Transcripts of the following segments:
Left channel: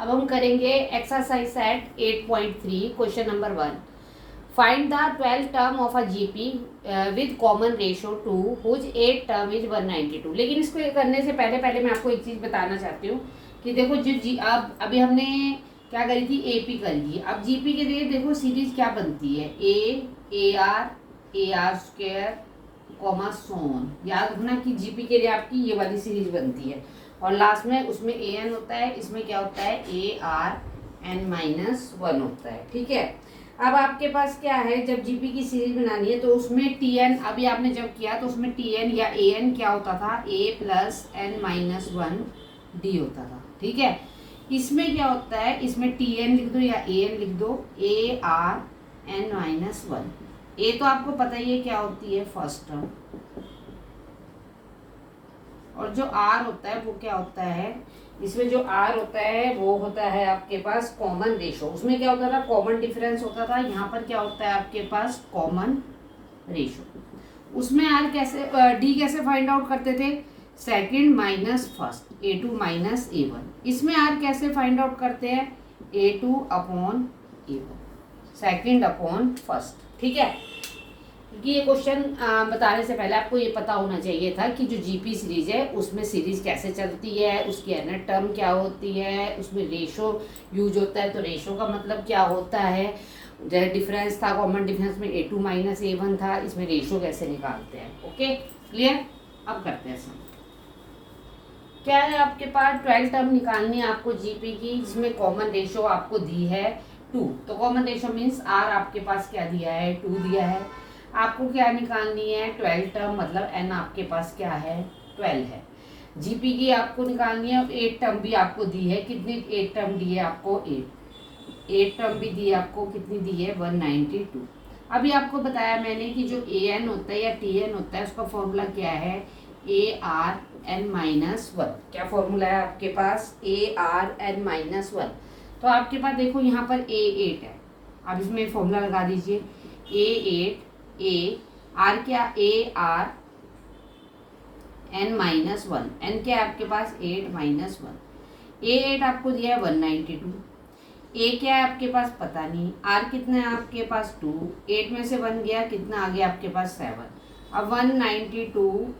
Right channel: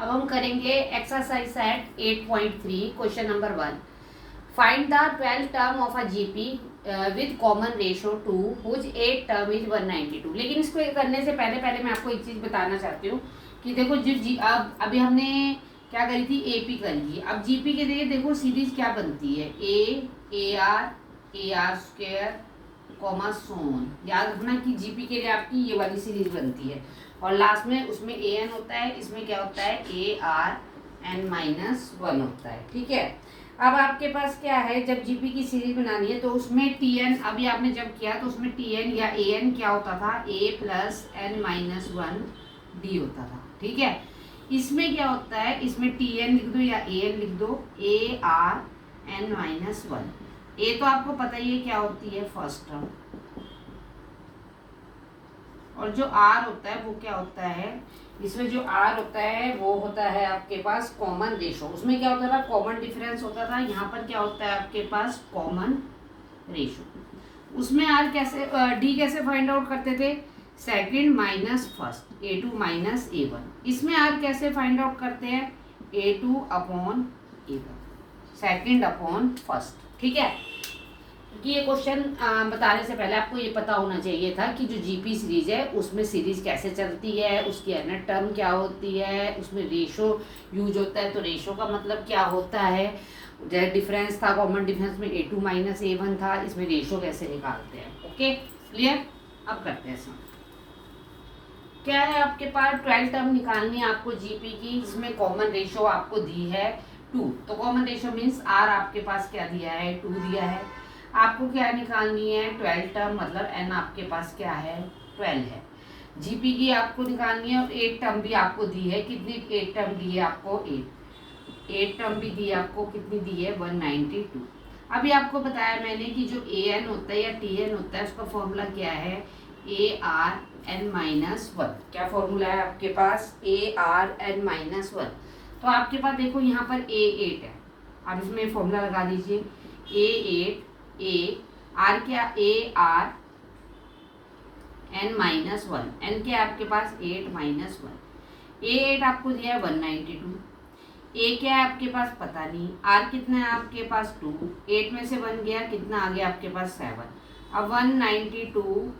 अब हम करेंगे exercise set 8.3 question number 1। Find the 12 term of a GP with common ratio 2 whose 8 term is 192। लेकिन इसको करने से पहले पहले मैं आपको एक चीज़ बताना चाहती हूँ कि देखो जो अब अभी हमने क्या करी थी, एपी करी थी। अब जीपी के लिए देखो सीरीज क्या बनती है, ए आर स्क्वायर कॉमा सोन। याद रखना कि जीपी के लिए आपकी ये वाली सीरीज बनती है और लास्ट में उसमें ए एन होता है, इसमें क्या होता है A R N minus one होता है। ठीक है, अब आपके पास क्या है, जब जीपी की सीरीज बनानी है तो उसमें टी एन, अभी आपने जब किया तो उसमें टी एन या ए एन क्या होता था, A plus N minus one D होता था। ठीक है, इसमें क्या होता है, इसमें टी एन लिख दो या ए एन लिख दो, A R N minus one. A तो आपको पता ही है क्या होती है, फर्स्ट टर्म, और जो आर होता है वो क्या होता है, इसमें जो आर होता है वो होता है आपके पास कॉमन रेशो। उसमें क्या होता था, कॉमन डिफरेंस होता था, यहाँ पर क्या होता है आपके पास कॉमन रेशो। उसमें आर कैसे, डी कैसे फाइंड आउट करते थे, second minus first, A two minus A one. इसमें आर कैसे फाइंड आउट करते हैं, A two upon A one, second upon first. ठीक है, क्योंकि ये क्वेश्चन बताने से पहले आपको ये पता होना चाहिए था कि जो जीपी सीरीज है उसमें सीरीज कैसे चलती है, उसकी एनएट टर्म क्या होती है, उसमें रेशो यूज होता है तो रेशो का मतलब क्या होता है। जैसे डिफरेंस था, कॉमन डिफरेंस में ए टू माइनस ए वन था, इसमें रेशो कैसे निकालते हैं। ओके क्लियर, अब करते हैं सम। क्या है आपके पास, 12 टर्म निकालनी है आपको जीपी की, जिसमें कॉमन रेशो आपको दी है 2। तो कॉमन रेशो मीन्स आर आपके पास क्या दिया है, 2 दिया है। आपको क्या निकालनी है, 12 टर्म, मतलब एन आपके पास क्या है, 12 है। जीपी की आपको निकालनी है, 8 टर्म भी आपको दी है, कितनी 8 टर्म दी है आपको, 8 टर्म भी दी है आपको, कितनी दी है 192। अभी आपको बताया मैंने कि जो ए एन होता है या टी एन होता है उसका फॉर्मूला क्या है, A R N minus one. क्या फॉर्मूला है आपके पास, A R N minus one. तो आपके पास देखो यहाँ पर ए 8 है, अब इसमें फॉर्मूला लगा दीजिए, ए 8 ए आर क्या, A R N minus one, N क्या है आपके पास 8 माइनस वन। ए 8 आपको दिया है 192, ए क्या है आपके पास पता नहीं, आर कितना है आपके पास 2, 8 में से 1 गया, कितना आ गया आपके पास 7। अब 192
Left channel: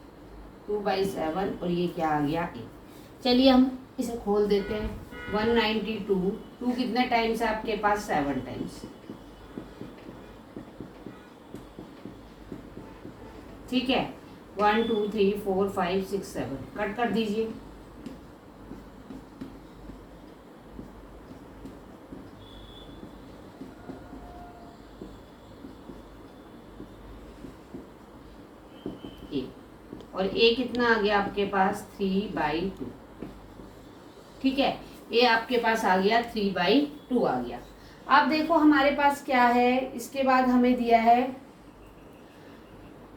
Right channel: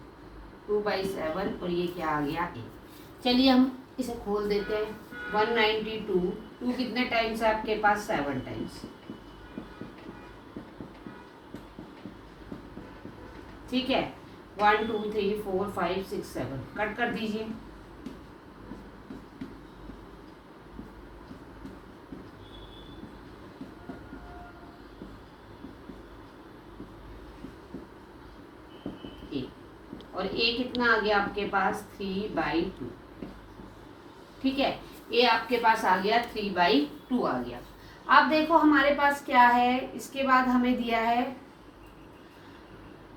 2/7 और ये क्या आ गया 8। चलिए हम इसे खोल देते हैं, 192 2 कितने टाइम्स है आपके पास, 7 टाइम्स। ठीक है, 1 2 3 4 5 6 7, कट कर दीजिए। और ए कितना आ गया आपके पास, 3/2। ठीक है, ए आपके पास आ गया 3/2 आ गया। अब देखो हमारे पास क्या है, इसके बाद हमें दिया है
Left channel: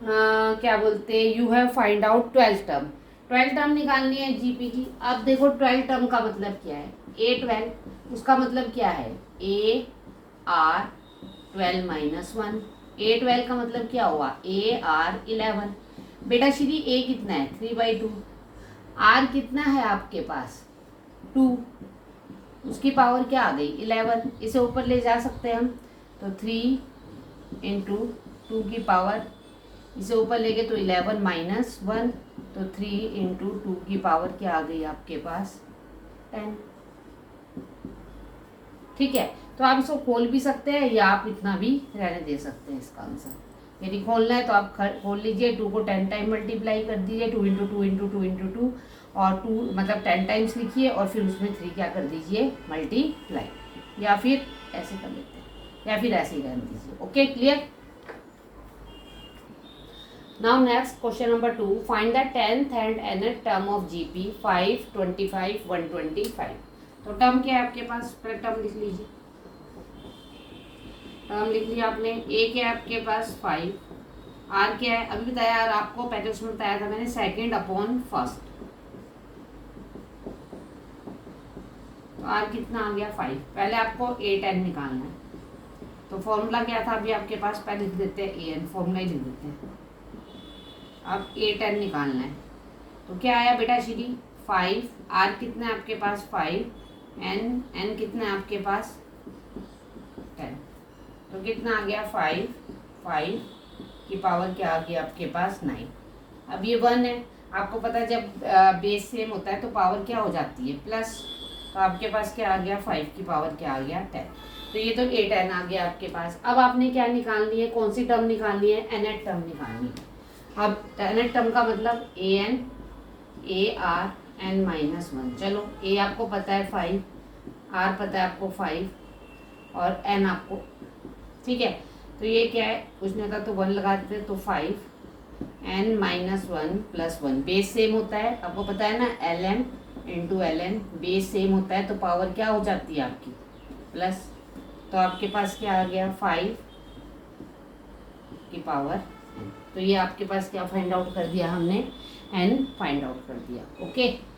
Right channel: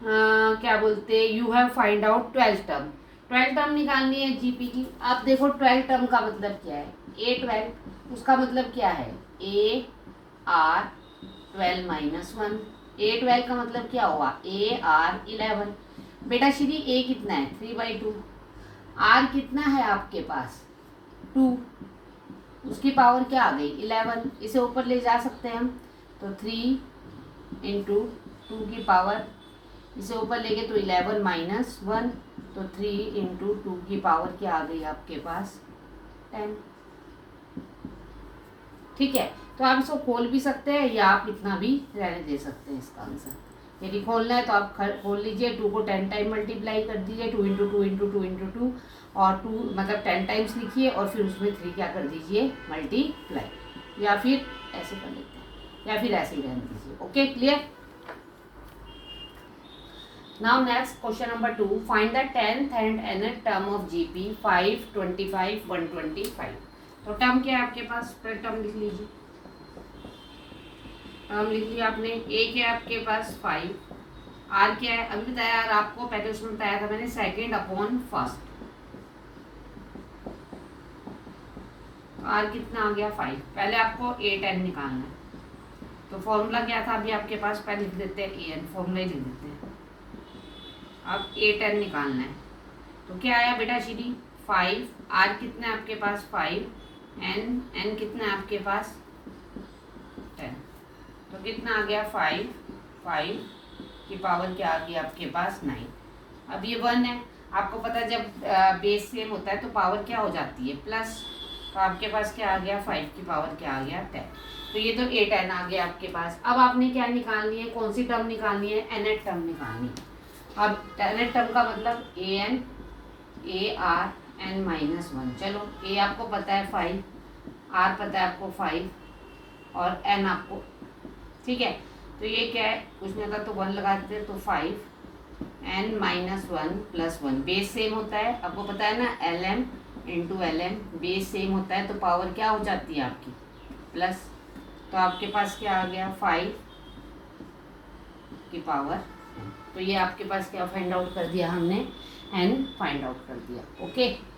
क्या बोलते, you have find out 12 term. 12 term निकालनी है जीपी की। अब देखो 12 टर्म का मतलब क्या है, ए 12, उसका मतलब क्या है, ए आर 12 माइनस वन। ए 12 का मतलब क्या हुआ, ए आर 11। बेटा श्री ए कितना है, 3/2। आर कितना है आपके पास 2, उसकी पावर क्या आ गई 11, इसे ऊपर ले जा सकते हैं हम, तो 3 इंटू 2 की पावर, इसे ऊपर ले गए तो 11 माइनस वन, तो 3 इंटू 2 की पावर क्या आ गई आपके पास 10। ठीक है, तो आप इसको खोल भी सकते हैं या आप इतना भी रहने दे सकते हैं इसका आंसर। यदि खोलना है तो आप खोल लीजिए, 2 को 10 टाइम मल्टीप्लाई कर दीजिए, 2 इंटू 2 इंटू 2 इंटू 2, और 2 मतलब 10 टाइम्स लिखिए और फिर उसमें 3 क्या कर दीजिए मल्टीप्लाई, या फिर ऐसे कर लेते हैं या फिर ऐसे ही रहने दीजिए। Okay clear. Now next question number 2, find the 10th and nth term of GP 5, 25, 125। तो टर्म क्या है आपके पास, टर्म लिख लीजिए, टर्म लिख लिया आपने। ए क्या है आपके पास 5, आर क्या है अभी बताया यार आपको, पहले उसमें बताया था मैंने, सेकंड अपॉन फर्स्ट, तो आर कितना आ गया 5। पहले आपको ए 10 निकालना है, तो फॉर्मूला क्या था अभी आपके पास, पहले लिख देते हैं ए एन, फॉर्मूला ही लिख देते हैं। अब ए 10 निकालना है, तो क्या आया बेटा श्री 5, आर कितना है आपके पास 5, n कितना है आपके पास 10, तो कितना आ गया 5 की पावर क्या आ गया आपके पास 9। अब ये 1 है, आपको पता है जब बेस सेम होता है तो पावर क्या हो जाती है प्लस, तो आपके पास क्या आ गया 5 की पावर क्या आ गया 10। तो ये तो 8n आ गया आपके पास। अब आपने क्या निकालनी है, कौन सी टर्म निकालनी है, nth टर्म निकालनी है। अब nth टर्म का मतलब an चलो a आपको पता है 5, r पता है आपको 5 और n आपको, ठीक है। तो ये क्या है, पूछने का तो 1 लगा देते हैं, तो 5n-1 + 1 बेस सेम होता है, आपको पता है ना ln × ln बेस सेम होता है तो पावर क्या हो जाती है आपकी प्लस। तो आपके पास क्या आ गया 5 की पावर n। तो ये आपके पास क्या फाइंड आउट कर दिया हमने, n फाइंड आउट कर दिया। ओके।